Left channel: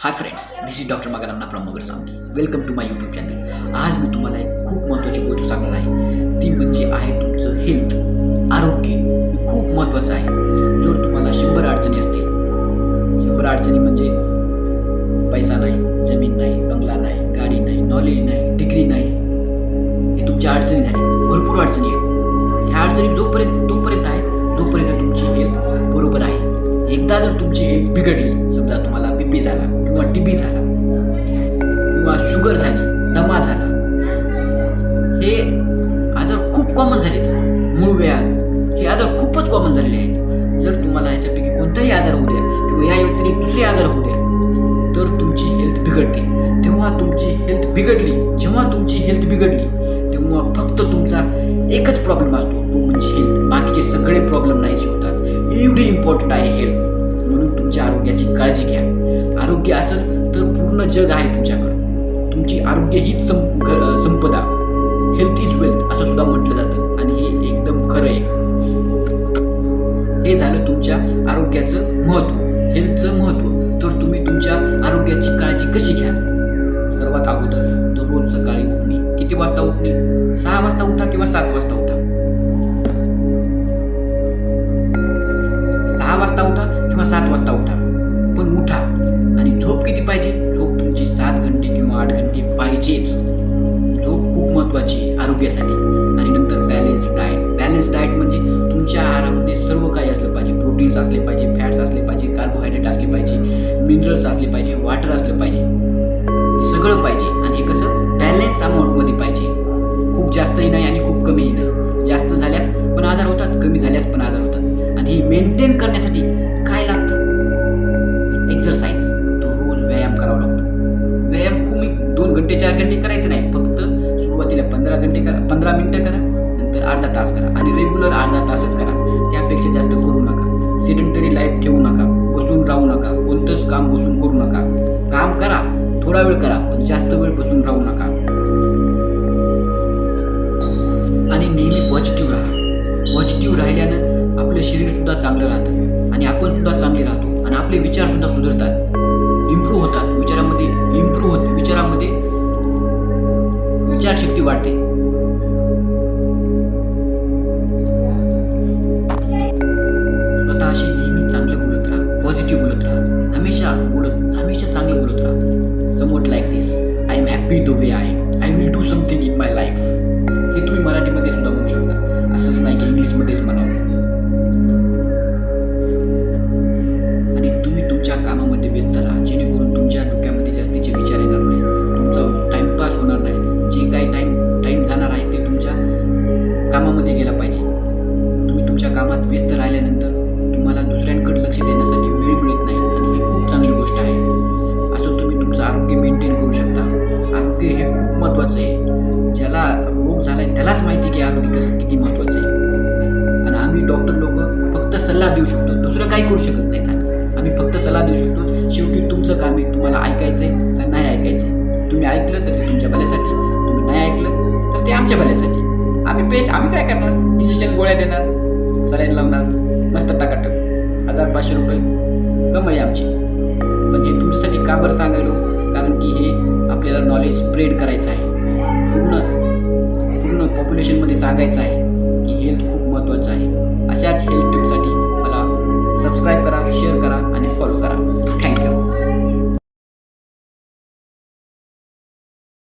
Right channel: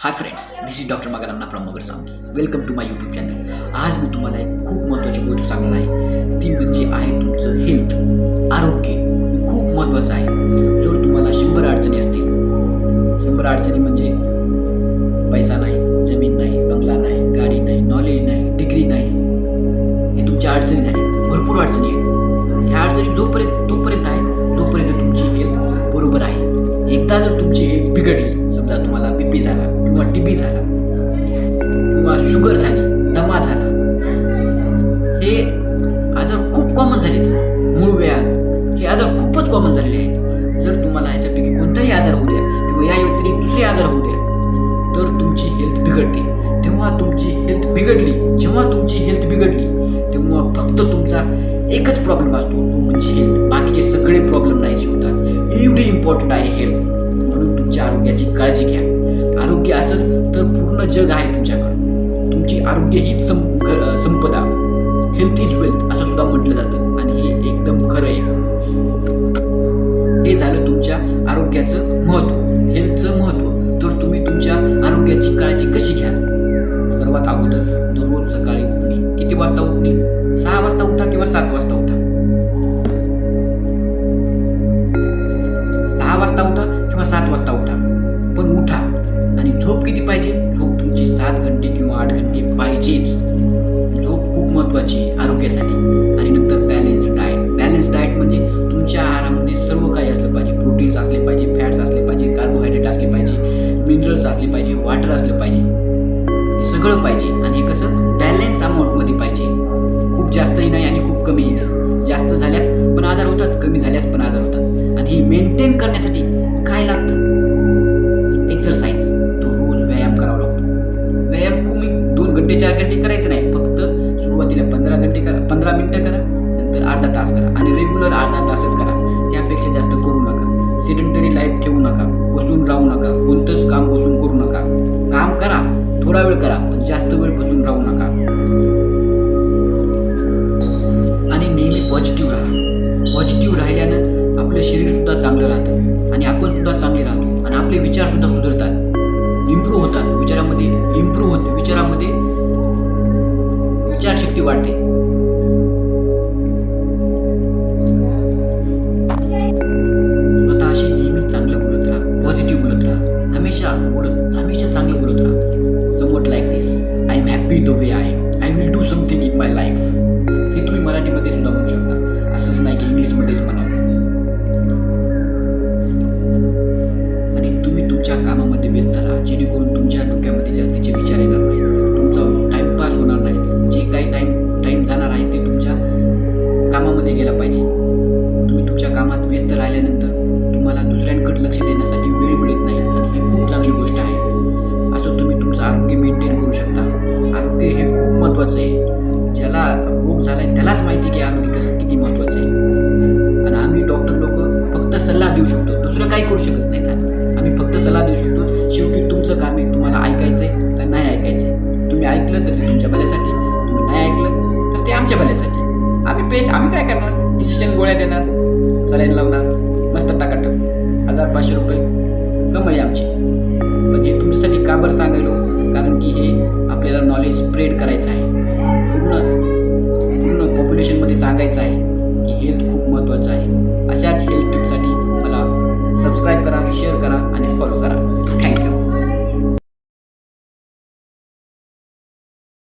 Hi friends this is doctor मगरांना from Magar Sangi welcome to my YouTube channel आज मी तुम्हाला एक खूप महत्त्वाची गोष्ट सांगणार आहे. ती म्हणजे आहे तुमचं हेल्थ आरोग्य हे खूप महत्त्वाचं आहे. जर तुम्हाला शंभर अडचणी असतील शंभर अडचणी म्हणजे पैसा नाही जमीन नाही बंगला नाही गाडी नाही नॉलेज नाही डिग्री नाही हे तुमच्या अडचणी झाली भरपूर अडचणी आहेत. ह्या अडचणी जोपर्यंत तोपर्यंत आहेत जोपर्यंत तुमची हेल्थ बरोबर आहे. एकदा जर तुमची हेल्थ बिघडली समजा तुम्हाला बी पी झाला किंवा टी बी झाला किंवा शुगर झाली दमा झाला हे आजार खूप कॉमन झाले मूळ व्याध हे आजार खूपच कॉमन झालेले आहेत. जर तुम्हाला ह्याच्यापैकी कोणताही आजार होऊ द्या किंवा या व्यतिरिक्त दुसरे आजार होऊ द्या तर तुमची हेल्थ बिघडते. तेव्हा तुमची हेल्थ बिघडली जेव्हा तुमची हेल्थ बिघडली तेव्हा फक्त तुमचा एकच प्रॉब्लेम असतो. तो म्हणजे हेल्थ बाकीचे सगळे प्रॉब्लेम नाहीसे होतात. एवढी इम्पॉर्टंट आहे हेल्थ म्हणून तुमच्या आरोग्याची काळजी घ्या. आरोग्य असेल तर पूर्ण जग आहे तुमच्याकडं. तुमची आरोग्य ही सं संपदा. हेल्थ इज वेल्थ असं सुद्धा म्हटलं जातं. आणि हे एकदम खरं आहे. हे झालं तुमच्या आरोग्याचं महत्त्व हेल्थचं महत्त्व तर तुम्ही तुमच्या आरोग्याची काळजी कशी घ्या सर्वात अगोदर दररोज सकाळी उठणे. किती वाजता उठणे? सहा वाजता उठा किंवा सात वाजता उठा? झोप किती पाहिजे? झोप तुमची सात घंटे किंवा आठ घंटे पाहिजेच. झोप खूप महत्वाची आहे आरोग्यासाठी. आणि नंतर बॅलेन्स डाएट बॅलेन्स डाएट म्हणजे तुमच्या आहारामध्ये सर्व काही असलं पाहिजे. प्रोटीन्स असले पाहिजे फॅट्स असले पाहिजे कार्बोहायड्रेट असले पाहिजे मिनरल्स असले पाहिजे वॉटर असलं पाहिजे. हे सगळं पाहिजे. आणि हे कसं? बॅलन्स अमाऊंटमध्ये पाहिजे. खूप जास्तही नाही आणि खूप कमीही नाही. जास्त झाल्यास पण आजार होतात कमी झाल्यास पण आजार होतात. आणि हे मेंटेन करण्यासाठी काय लागतं? एक्सरसाइज व्यायाम तुम्ही दोन घंटे चार घंटे करायचं नाही. फक्त सुरुवातीला पंधरा घंटे करा पंधरा मिनटं करा नंतर अर्धा तास करा आणि रेग्युलर अर्धा तासच करा. त्यापेक्षा जास्त करू नका. सिडेंटरी लाईफ ठेवू नका. बसून राहू नका. कोणतंच काम बसून करू नका. काम करा. थोडा वेळ करा पण जास्त वेळ बसून राहू नका. आणि नेहमी पॉझिटिव्ह राहा. पॉझिटिव्ह राहिल्यानं आपलं शरीर सुद्धा चांगलं राहतं. आणि आपण सुद्धा चांगले राहतो. आणि आपले विचार सुद्धा सुधारतात. इम्प्रूव्ह होतात विचारामध्ये इम्प्रूव्ह होत विचारामध्ये विचारशक्ती वाढते. स्वतःशी नेहमी चांगलं बोलत राहा पॉझिटिव्ह बोलत राहा. हमेशा बोलत हमेशा चांगलं बोलत राहा. Somewhat like this I am happy the way I I will do something in my life हे तुम्ही मराठीमध्ये सुद्धा म्हणू शकता. असंच नाही की इंग्लिशमध्येच म्हणावं आणि तुम्ही तुमच्या कामामध्ये व्यस्त राहा. जेणेकरून तुमच्या डोक्यामध्ये जास्तीचे विचार येणार नाही तुमचा टाईमपास होणार नाही. जे काही टाईम टाईम जाणार आहे ते तुमच्या कामामध्ये गेला पाहिजे. तुम्ही तुमच्या कामात व्यस्त राहिल्यानंतर तुम्हाला दुसऱ्यांकडे लक्ष देण्यासाठी वेळ मिळत नाही आणि ही खूप चांगली गोष्ट आहे. असं तुम्ही तुमचं आरोग्य मेंटेन करू शकता. आरोग्य हे खूप महत्त्वाचं आहे. ज्याला रोग झाला आहे त्यालाच माहिती की आरोग्य कसं किती महत्त्वाचं आहे. आणि आम्ही डॉक्टर लोक फक्त सल्ला देऊ शकतो. दुसरं काही करू शकत नाही आम्ही फक्त सल्ला देऊ शकतो शेवटी तुमचं काम आहे तुम्हाला ऐकायचं आहे तर नाही ऐकायचं आहे तुम्ही ऐकलं तर ते तुमच्या भल्यासाठी तुम्ही नाही ऐकलं तर ते आमच्या भल्यासाठी. आम्ही पेश आम्ही काय करणार? इंजेक्शन गोळ्या देणार सलाईन लावणार मस्त टाकाटक. हजार पाचशे रुपये कमाई आमची. पण हे तुमच्यासाठी का बरं सांगायलो? कारण की हे आपल्याला नॉलेज स्प्रेड करायचं आहे. पूर्ण पूर्ण पॉप्युलेशनमध्ये सांगायचं आहे की हेल्थ खूप महत्त्वाचं आहे. अशाच हेल्थ टिपसाठी सबस्क्राईब करा शेअर करा आणि फॉलो करा. थँक्यू